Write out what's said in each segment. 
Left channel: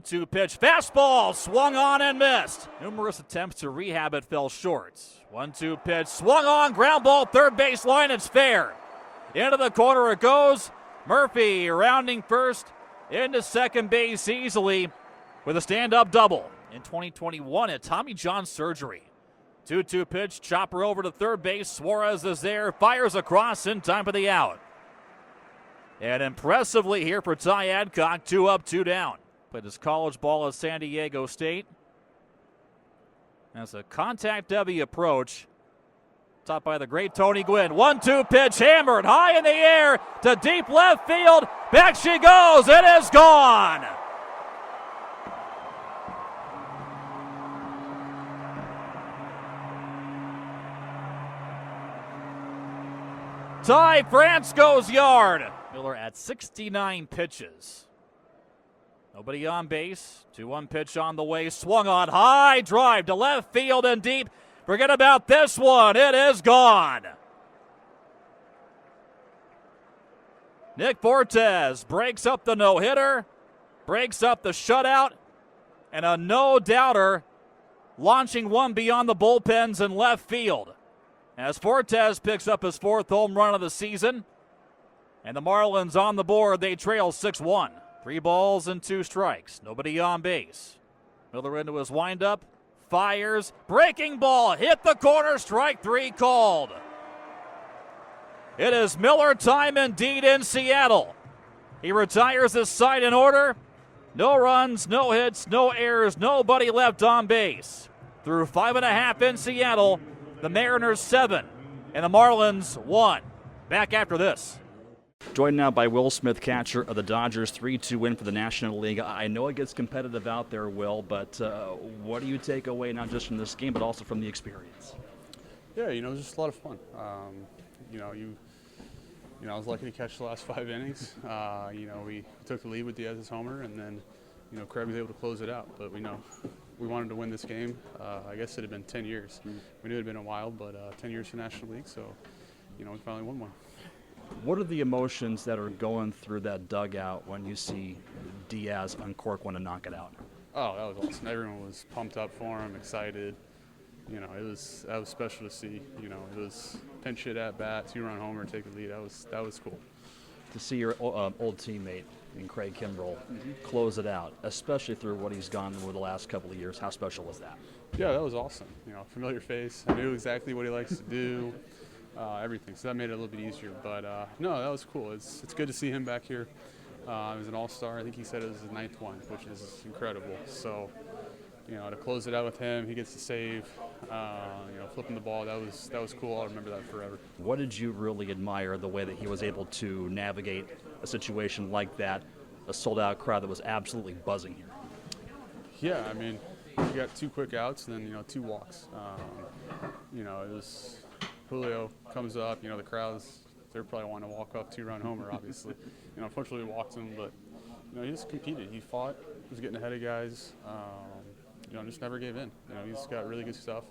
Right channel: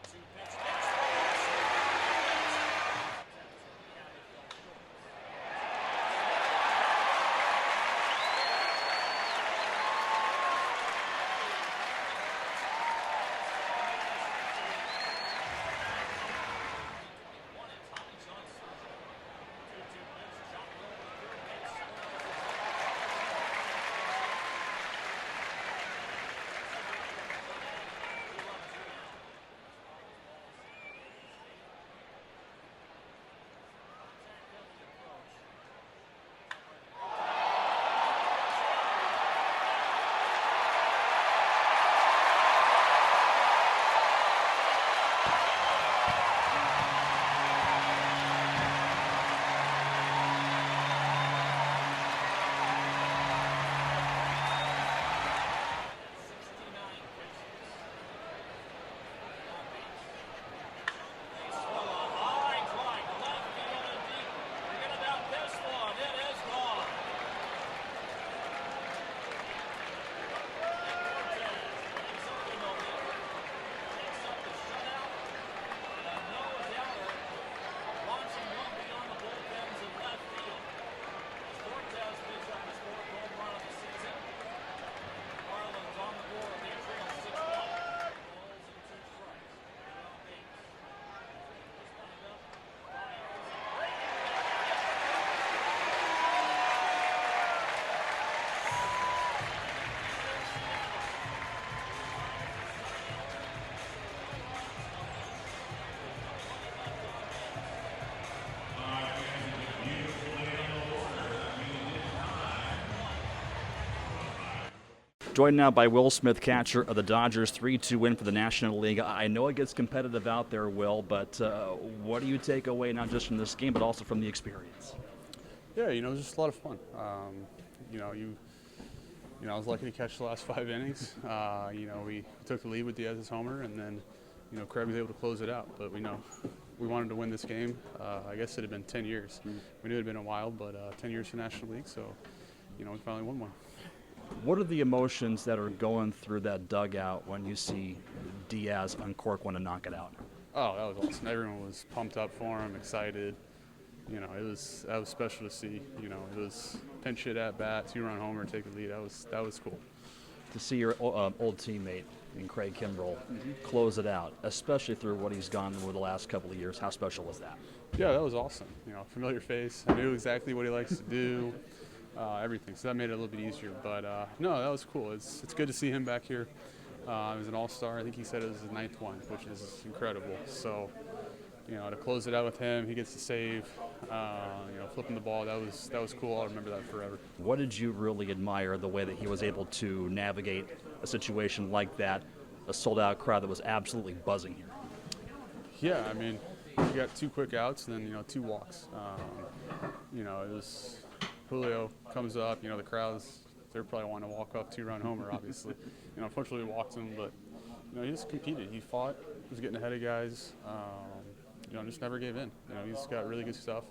0-2 pitch. Fastball swung on and missed. Numerous attempts to rehab it fell short. 1-2 pitch swung on, ground ball, third base line, it's fair. Into the corner it goes. Murphy rounding first into second base easily with a stand-up double. In 2021 at Tommy John surgery. 2-2 pitch, chopper over to third base. Suarez is there, fires across in time for the out. And impressively here for Ty Adcock, 2 up, 2 down. Played his college ball at San Diego State. As a contact-heavy approach, topped by the great Tony Gwynn. 1-2 pitch, hammered high in the air to deep left field. Back she goes, it is gone. Ty France goes yard. Miller at 69 pitches. Nobody on base. 2-1 pitch on the way. Swung on high. Drive to left field and deep. Forget about this one. It is gone. Nick Fortes breaks up the no-hitter. Breaks up the shutout. And a no-doubter launching one beyond the bullpens in left field. As Fortes picks up his 4th home run of the season. And the Marlins on the board, they trail 6-1. 3 balls and 2 strikes. Nobody on base. Miller into his windup. Fires. Breaking ball. Hit the corner. Strike 3 called. It is Miller time indeed in Seattle. He retires his side in order. No runs, no hits, no errors, nobody left on base. Through 5.5 in Seattle. The Mariners 7 and the Marlins 1. Back after this. Joined now by Will Smith, catcher of the Dodgers, 3-2 win for the National League. I know it gets competitive out there, Will, but what do you take away not just from this game but also from the experience? Yeah, it was just a lot of fun. I was lucky to catch the last 5 innings. We took the lead with Diaz's homer, and then Craig was able to close it out. But we wanted to win this game. I guess it had been 10 years. We knew it had been a while, but 10 years for National League, so we finally won one. What are the emotions that are going through that dugout when you see Diaz uncork one and knock it out? Oh, that was awesome. Everyone was pumped up for him, excited. That was special to see. It was pinch hit at bat, 2-run homer, take the lead. That was cool. To see your old teammate in Craig Kimbrell close it out, especially through what he's gone through the last couple of years. How special was that? Yeah, that was awesome. Familiar face. I knew exactly what he likes to do, everything. So that made it a little bit easier. But no, that was cool. It's good to see him back here. He was an all-star. I think he said it was his 9th one, which is incredible. So, to close it out with him, he gets the save. Flipping the ball, that was cool. I'll remember that forever. What did you really admire the way that he was able to navigate a situation like that, a sold-out crowd that was absolutely buzzing here? Yeah, you got 2 quick outs and then 2 walks. It was Julio comes up. The crowds, they're probably wanting to walk up 2-run homer, obviously. Unfortunately, we walked him, but he just competed. He fought. He was getting ahead of guys. Just never gave in. He's got really good stuff.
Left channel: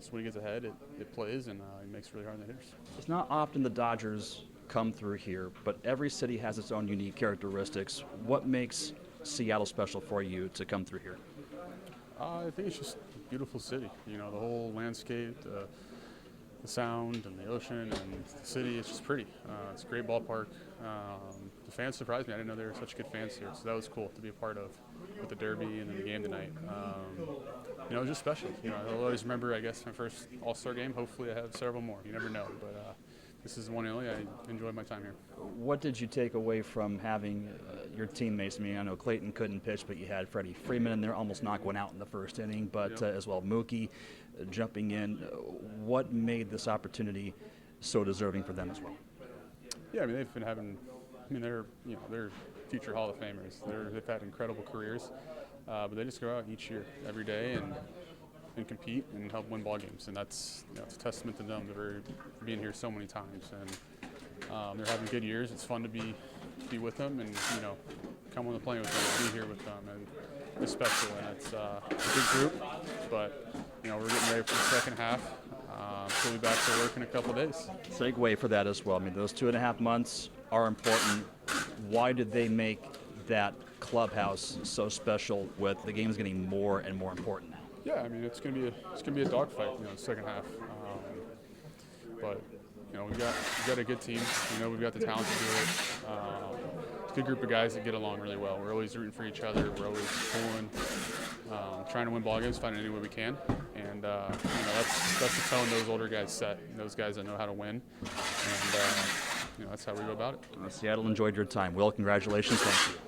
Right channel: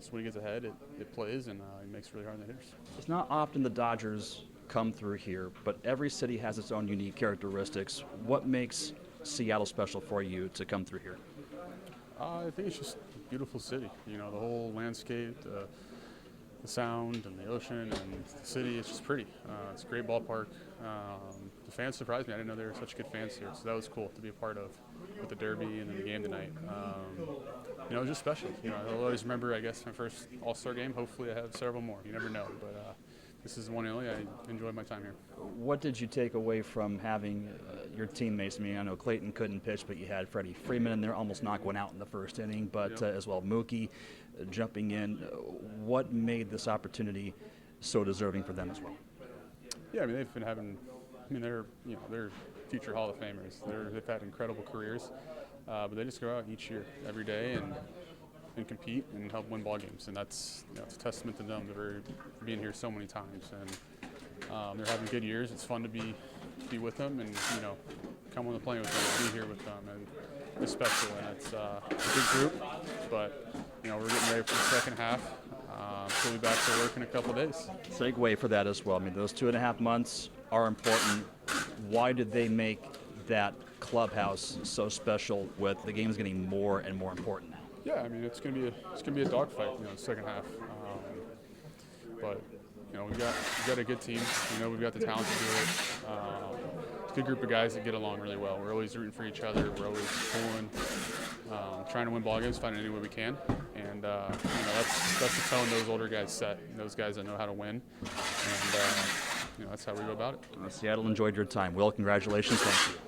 So when he gets ahead, it plays, and he makes it really hard on the hitters. It's not often the Dodgers come through here, but every city has its own unique characteristics. What makes Seattle special for you to come through here? I think it's just a beautiful city. The whole landscape, the sound, and the ocean, and the city. It's just pretty. It's a great ballpark. The fans surprised me. I didn't know there were such good fans here, so that was cool to be a part of with the Derby and then the game tonight. It was just special. I'll always remember, I guess, my first All-Star game. Hopefully I have several more. You never know, but this is one and only. I enjoyed my time here. What did you take away from having your teammates? I know Clayton couldn't pitch, but you had Freddie Freeman in there, almost knocked one out in the first inning, but as well Mookie jumping in. What made this opportunity so deserving for them as well? Yeah, they've been having. They're future Hall of Famers. They've had incredible careers, but they just go out each year, every day, and compete and help win ball games. And that's it's a testament to them. They're being here so many times, and they're having good years. It's fun to be with them and come on the plane with them, be here with them, and it's special. And it's a big group, but we're getting ready for the second half. We'll be back to work in a couple of days. Segue for that as well. Those 2.5 months are important. Why did they make that clubhouse so special with the game's getting more and more important now? Yeah, I mean it's gonna be a dogfight, the second half. But we've got a good team. We've got the talent to do it. It's a good group of guys that get along really well. We're always rooting for each other. We're always pulling, trying to win ball games, finding any way we can. And that's the tone those older guys set. Those guys that know how to win. And that's how we go about it. Seattle enjoyed your time. Will, congratulations.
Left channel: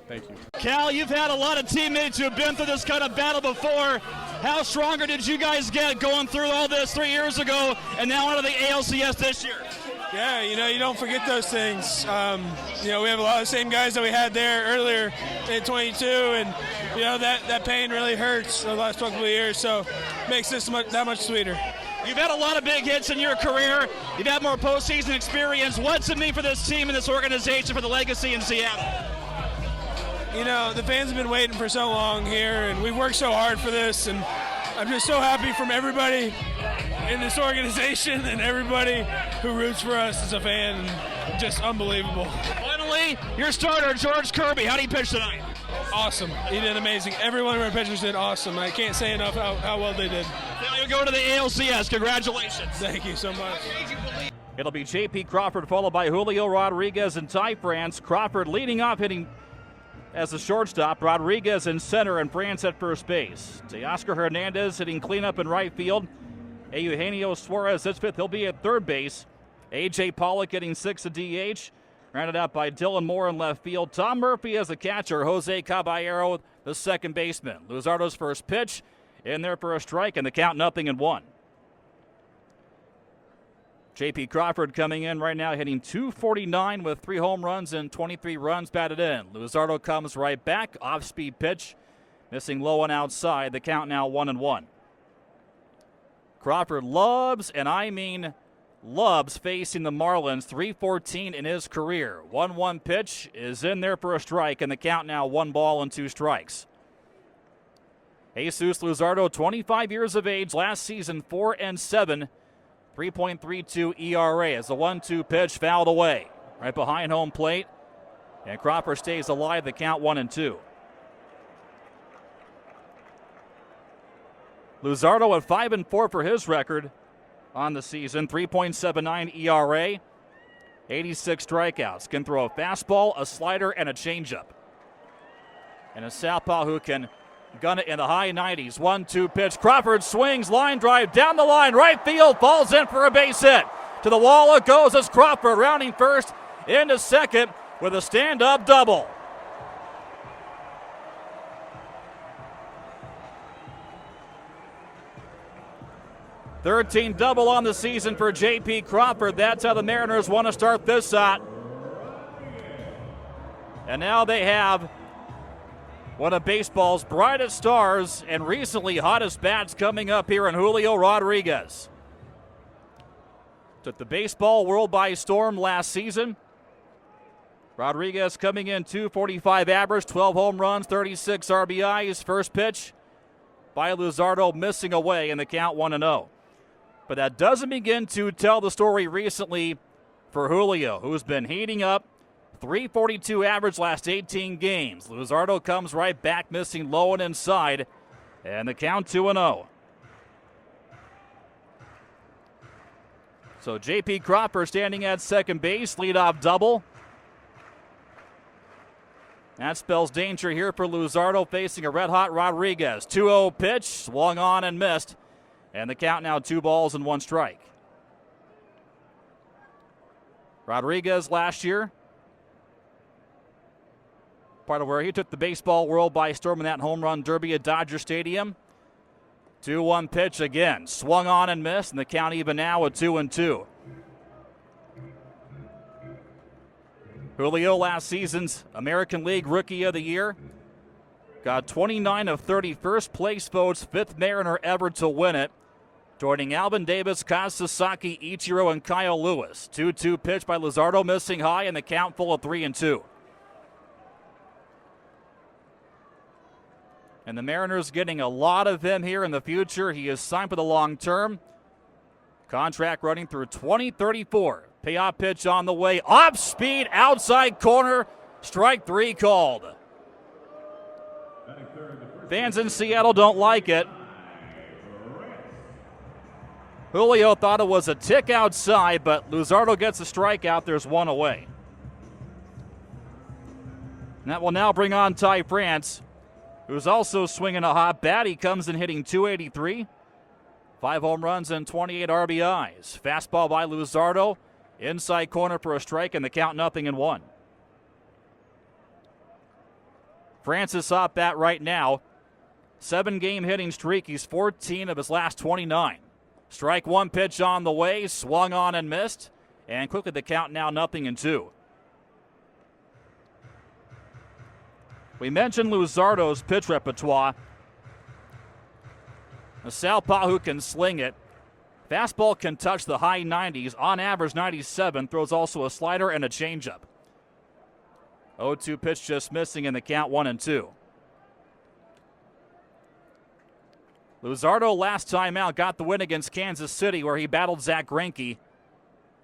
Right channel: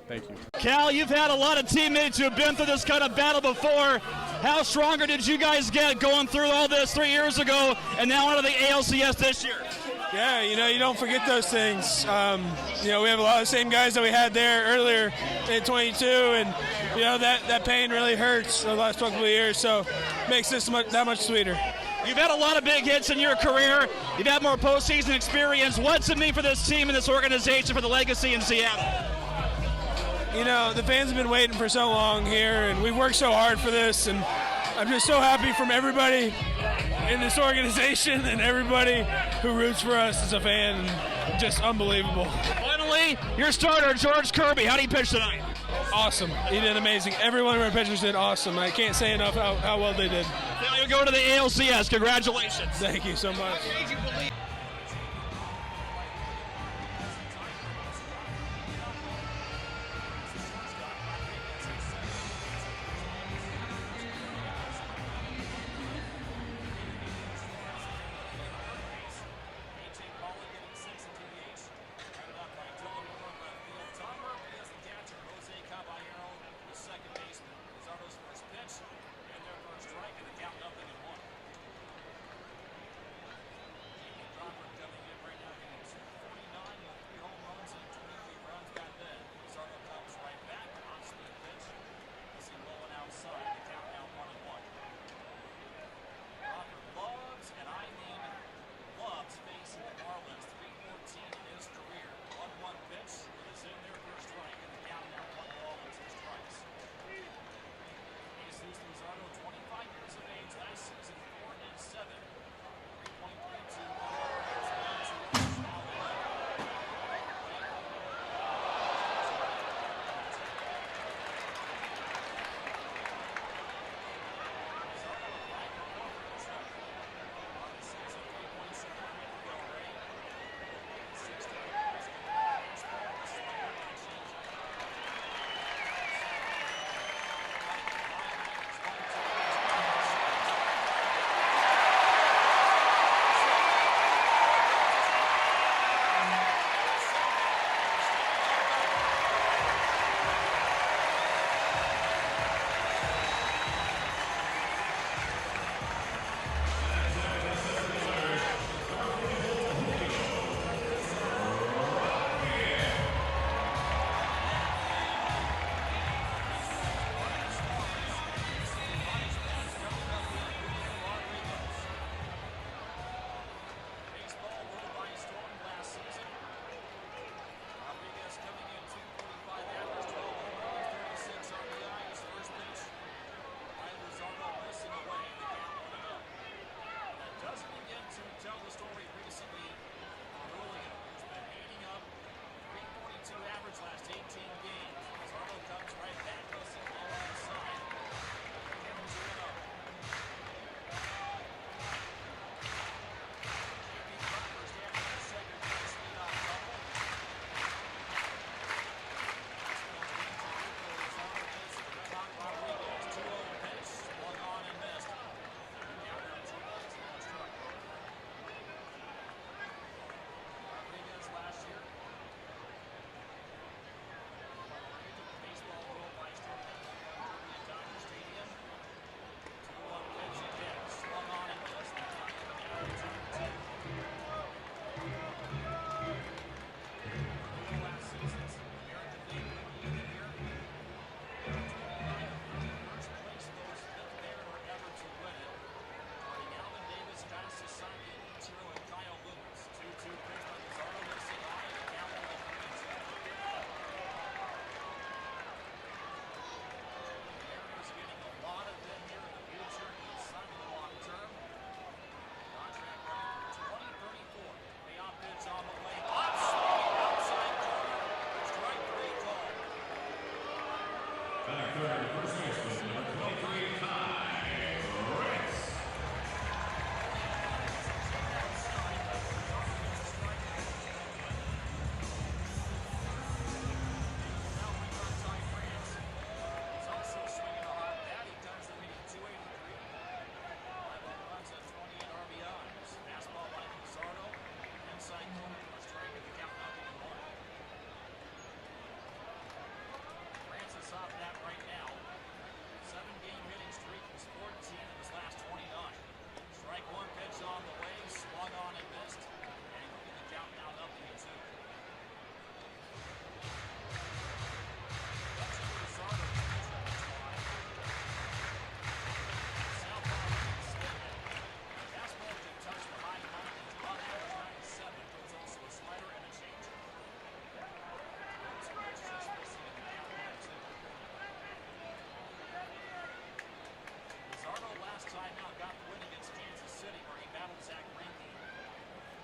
Thank you. Cal, you've had a lot of teammates who have been through this kind of battle before. How stronger did you guys get going through all this 3 years ago and now onto the ALCS this year? Yeah, you don't forget those things. We have a lot of the same guys that we had there earlier in 22, and that pain really hurts the last couple of years, so it makes this that much sweeter. You've had a lot of big hits in your career. You've had more postseason experience. What's it mean for this team and this organization for the legacy in Seattle? The fans have been waiting for so long here, and we've worked so hard for this, and I'm just so happy from everybody in this organization and everybody who roots for us as a fan. Just unbelievable. Finally, your starter, George Kirby. How did he pitch tonight? Awesome. He did amazing. Every one of our pitchers did awesome. I can't say enough how well they did. Now you go to the ALCS. Congratulations. Thank you so much. It'll be J.P. Crawford followed by Julio Rodriguez and Ty France. Crawford leading off, hitting as a shortstop. Rodriguez in center and France at first base. Teoscar Hernandez hitting cleanup in right field. Eugenio Suarez hits fifth. He'll be at third base. A.J. Pollock getting sixth at DH. Rounded out by Dylan Moore in left field. Tom Murphy as a catcher. Jose Caballero, the second baseman. Luzardo's first pitch in there for a strike, and the count 0-1. J.P. Crawford coming in right now, hitting .249 with 3 home runs and 23 runs batted in. Luzardo comes right back. Off-speed pitch. Missing low and outside. The count now 1-1. Crawford loves, and I mean loves, facing the Marlins. .314 in his career. 1-1 pitch is in there for a strike, and the count now 1 ball and 2 strikes. Jesus Luzardo, 25 years of age, last season 4-7, 3.32 ERA as the 1-2 pitch fouled away right behind home plate, and Crawford stays alive. The count 1-2. Luzardo at 5-4 for his record on the season, 3.79 ERA, 86 strikeouts. Can throw a fastball, a slider, and a changeup. And a southpaw who can gun it in the high 90s. 1-2 pitch. Crawford swings, line drive down the line, right field, falls in for a base hit. To the wall it goes as Crawford rounding first into second with a stand-up double. .13 double on the season for J.P. Crawford. That's how the Mariners want to start this out. And now they have one of baseball's brightest stars and recently hottest bats coming up here in Julio Rodriguez. Took the baseball world by storm last season. Rodriguez coming in .245 average, 12 home runs, 36 RBIs. First pitch by Luzardo missing away in the count 1-0. But that doesn't begin to tell the story recently for Julio, who's been heating up. .342 average last 18 games. Luzardo comes right back, missing low and inside, and the count 2-0. So J.P. Crawford standing at second base, leadoff double. That spells danger here for Luzardo, facing a red-hot Rodriguez. 2-0 pitch, swung on and missed. And the count now 2 balls and 1 strike. Rodriguez last year, part of where he took the baseball world by storm in that home run derby at Dodger Stadium. 2-1 pitch again, swung on and missed, and the count even now at 2-2. Julio, last season's American League Rookie of the Year, got 29 of 30 first place votes, 5th Mariner ever to win it, joining Alvin Davis, Kaz Sasaki, Ichiro, and Kyle Lewis. 2-2 pitch by Luzardo, missing high, and the count full of 3-2. And the Mariners getting a lot of him here in the future. He is signed for the long term. Contract running through 2034. Payoff pitch on the way. Off speed, outside corner. Strike 3 called. Fans in Seattle don't like it. Julio thought it was a tick outside, but Luzardo gets a strikeout. There's one away. And that will now bring on Ty France, who's also swinging a hot bat. He comes in hitting .283. 5 home runs and 28 RBIs. Fastball by Luzardo. Inside corner for a strike, and the count 0-1. Francis off bat right now. 7-game hitting streak. He's 14 of his last 29. Strike one pitch on the way, swung on and missed. And quickly the count now 0-2. We mentioned Luzardo's pitch repertoire. A southpaw who can sling it. Fastball can touch the high 90s, on average 97. Throws also a slider and a changeup. 0-2 pitch just missing in the count 1-2. Luzardo last time out got the win against Kansas City where he battled Zach Greinke.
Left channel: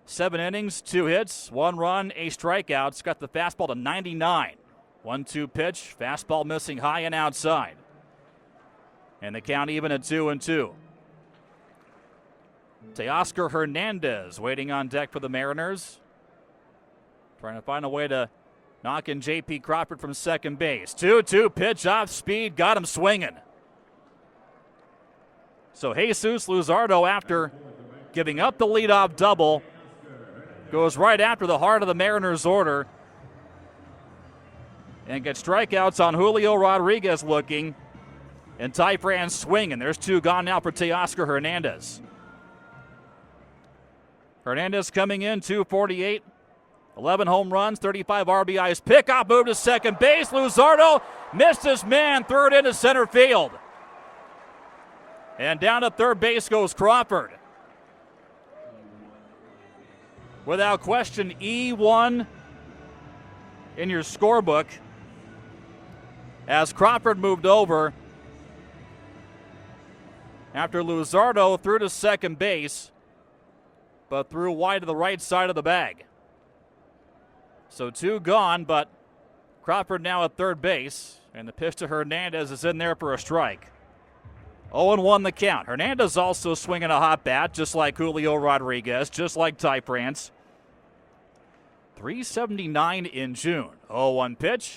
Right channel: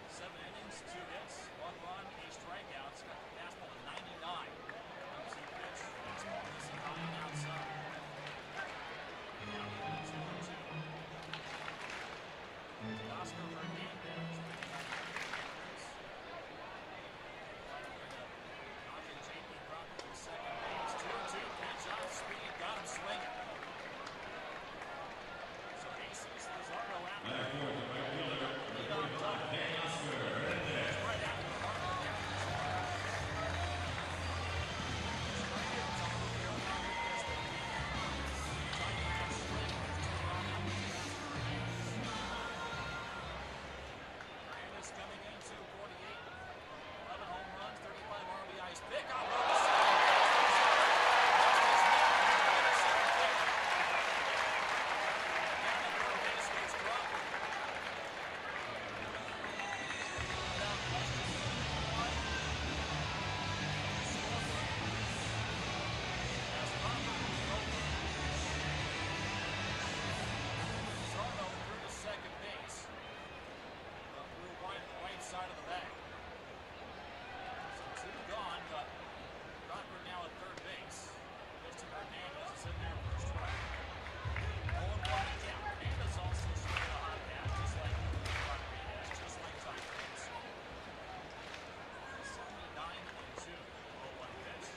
7 innings, 2 hits, 1 run, a strikeout. It's got the fastball to 99. 1-2 pitch, fastball missing high and outside. And the count even at 2-2. Teoscar Hernandez waiting on deck for the Mariners. Trying to find a way to knock in J.P. Crawford from second base. 2-2 pitch off speed, got him swinging. So Jesus Luzardo, after giving up the leadoff double, goes right after the heart of the Mariners' order and gets strikeouts on Julio Rodriguez looking, and Ty France swinging. There's 2 gone now for Teoscar Hernandez. Hernandez coming in, 248, 11 home runs, 35 RBIs. Pickoff move to second base. Luzardo missed his man, third into center field. And down to third base goes Crawford. Without question, E1 in your scorebook as Crawford moved over after Luzardo threw to second base, but threw wide to the right side of the bag. So 2 gone, but Crawford now at third base, and the pitch to Hernandez is in there for a strike. 0-1 the count. Hernandez also swinging a hot bat, just like Julio Rodriguez, just like Ty France. 379 in June. 0-1 pitch,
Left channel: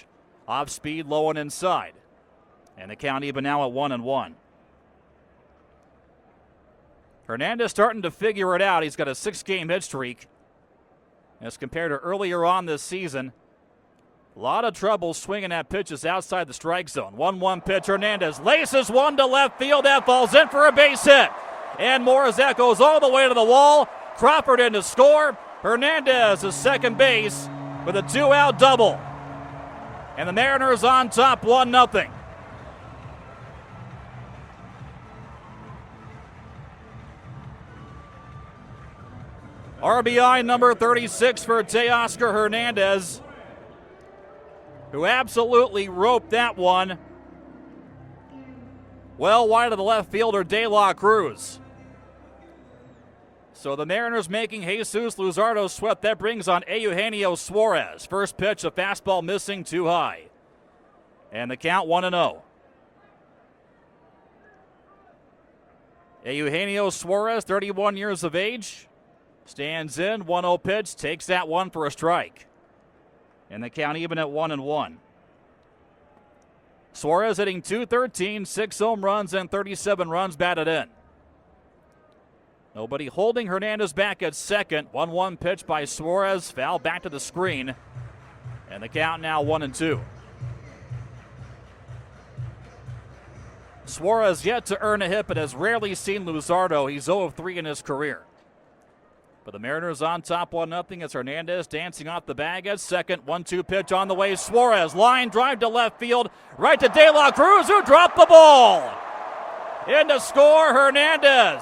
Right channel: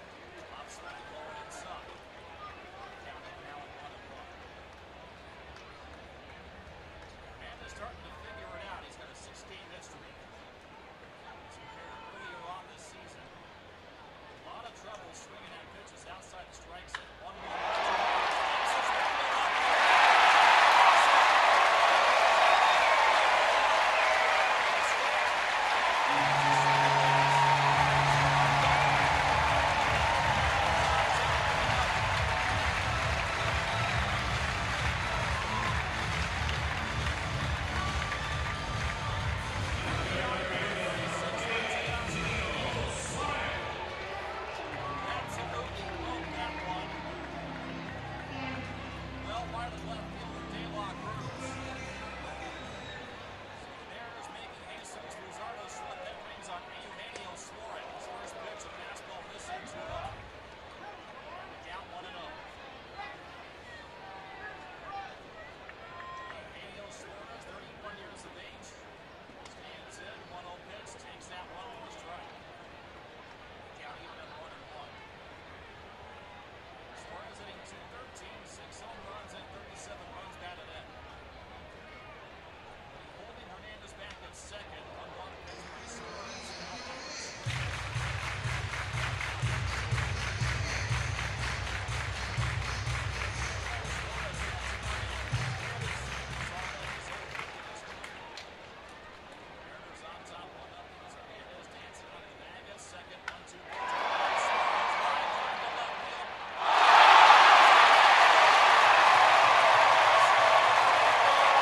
off speed, low and inside. And the count even now at 1-1. Hernandez starting to figure it out. He's got a 6-game hit streak. As compared to earlier on this season, a lot of trouble swinging at pitches outside the strike zone. 1-1 pitch, Hernandez laces one to left field. That falls in for a base hit. And Morazek goes all the way to the wall. Crawford in to score. Hernandez is second base with a 2-out double. And the Mariners on top 1-0. RBI number 36 for Teoscar Hernandez, who absolutely roped that one well wide of the left fielder De La Cruz. So the Mariners making Jesus Luzardo swept. That brings on Eugenio Suarez. First pitch, a fastball missing, too high. And the count 1-0. Eugenio Suarez, 31 years of age. Stands in, 1-0 pitch, takes that one for a strike. And the count even at 1-1. Suarez hitting .213, 6 home runs and 37 runs batted in. Nobody holding Hernandez back at second. 1-1 pitch by Suarez, foul back to the screen. And the count now 1-2. Suarez yet to earn a hit, but has rarely seen Luzardo. He's 0-3 in his career. But the Mariners on top 1-0. It's Hernandez dancing off the bag at second. 1-2 pitch on the way. Suarez line drive to left field. Right to De La Cruz, who dropped the ball. In to score, Hernandez.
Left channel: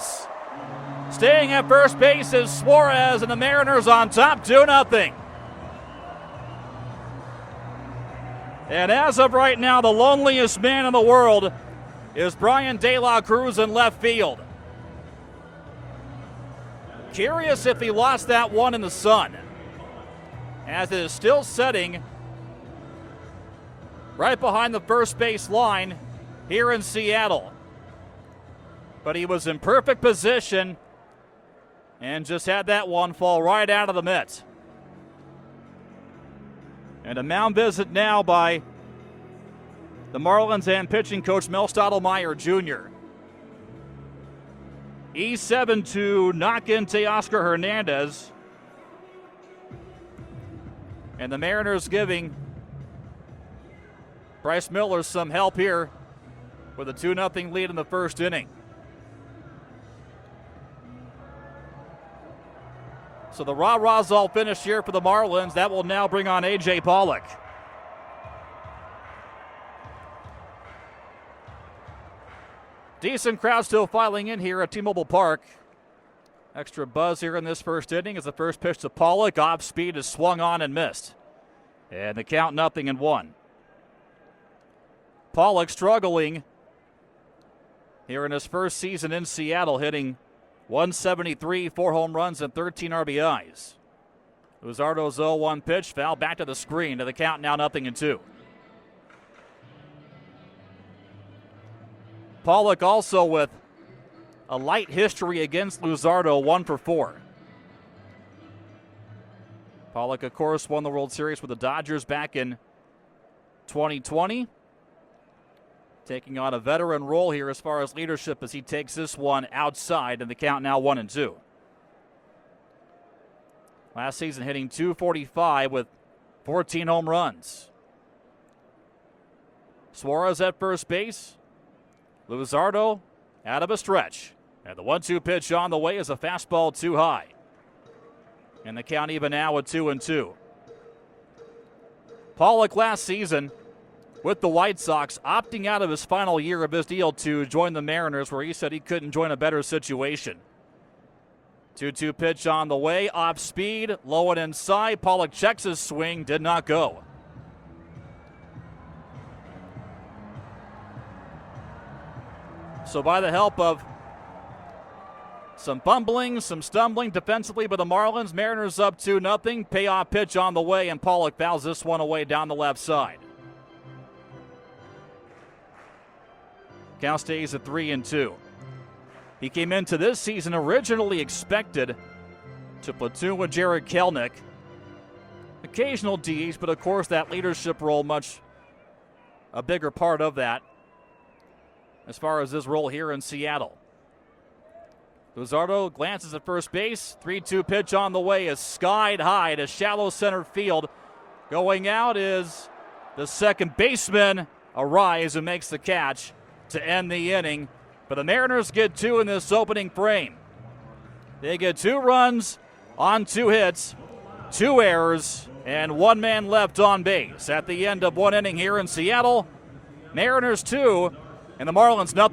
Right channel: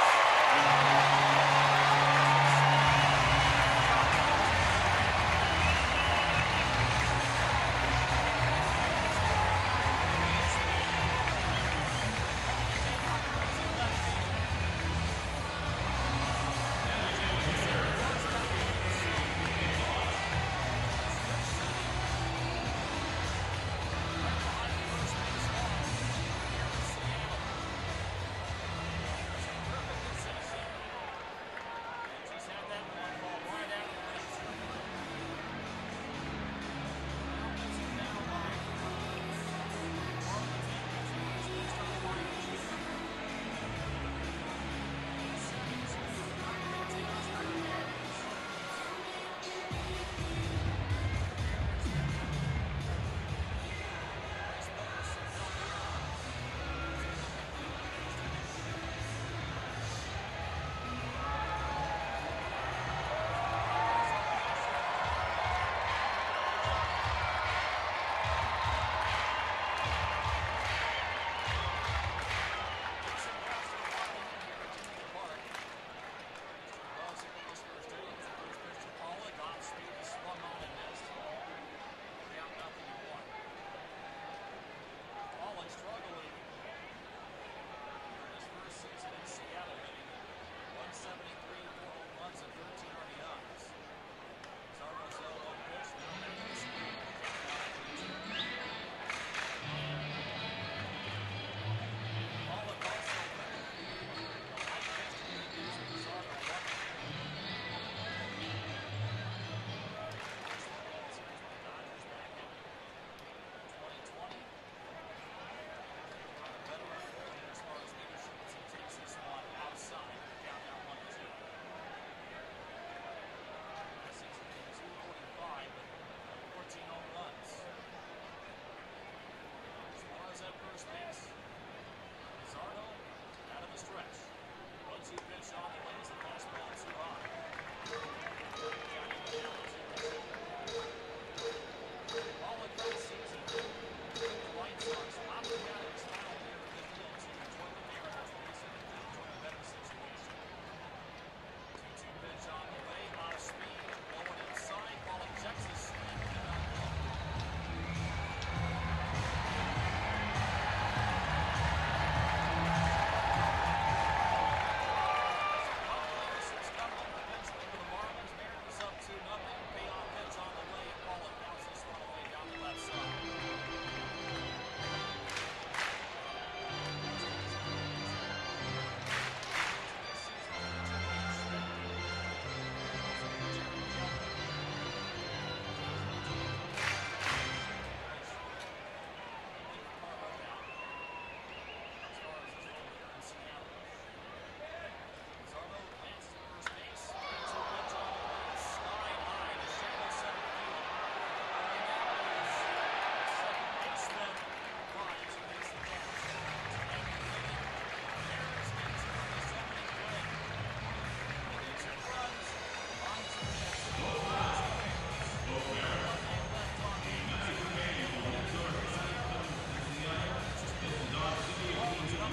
Staying at first base is Suarez, and the Mariners on top 2-0. And as of right now, the loneliest man in the world is Brian De La Cruz in left field. Curious if he lost that one in the sun, as it is still setting right behind the first base line here in Seattle. But he was in perfect position and just had that one fall right out of the mitt. And a mound visit now by the Marlins and pitching coach Mel Stottlemyre Jr. E7 to knock in Teoscar Hernandez. And the Mariners giving Bryce Miller some help here with a 2-0 lead in the first inning. So the rah-rahs all finished here for the Marlins. That will now bring on A.J. Pollock. Decent crowd still filing in here at T-Mobile Park. Extra buzz here in this first inning as the first pitch to Pollock. Off speed is swung on and missed. And the count 0-1. Pollock struggling here in his first season in Seattle, hitting .173, 4 home runs, and 13 RBIs. Luzardo's 0-1 pitch, foul back to the screen to the count now 0-2. Pollock also with a light history against Luzardo, 1 for 4. Pollock, of course, won the World Series with the Dodgers back in 2020. Taking on a veteran role here as far as leadership as he takes this one outside, and the count now 1-2. Last season hitting .245 with 14 home runs. Suarez at first base. Luzardo out of a stretch. And the 1-2 pitch on the way is a fastball too high. And the count even now with 2-2. Pollock last season with the White Sox opting out of his final year of his deal to join the Mariners, where he said he couldn't join a better situation. 2-2 pitch on the way, off speed, low and inside. Pollock checks his swing, did not go. So by the help of some fumbling, some stumbling defensively by the Marlins, Mariners up 2-0. Payoff pitch on the way, and Pollock fouls this one away down the left side. Count stays at 3-2. He came into this season originally expected to platoon with Jared Kelenic. Occasional DH, but of course that leadership role much a bigger part of that as far as his role here in Seattle. Luzardo glances at first base. 3-2 pitch on the way is skied high to shallow center field. Going out is the second baseman, Arise, who makes the catch to end the inning. But the Mariners get 2 in this opening frame. They get 2 runs on 2 hits, 2 errors, and 1 man left on base. At the end of 1 inning here in Seattle, Mariners 2 and the Marlins 0.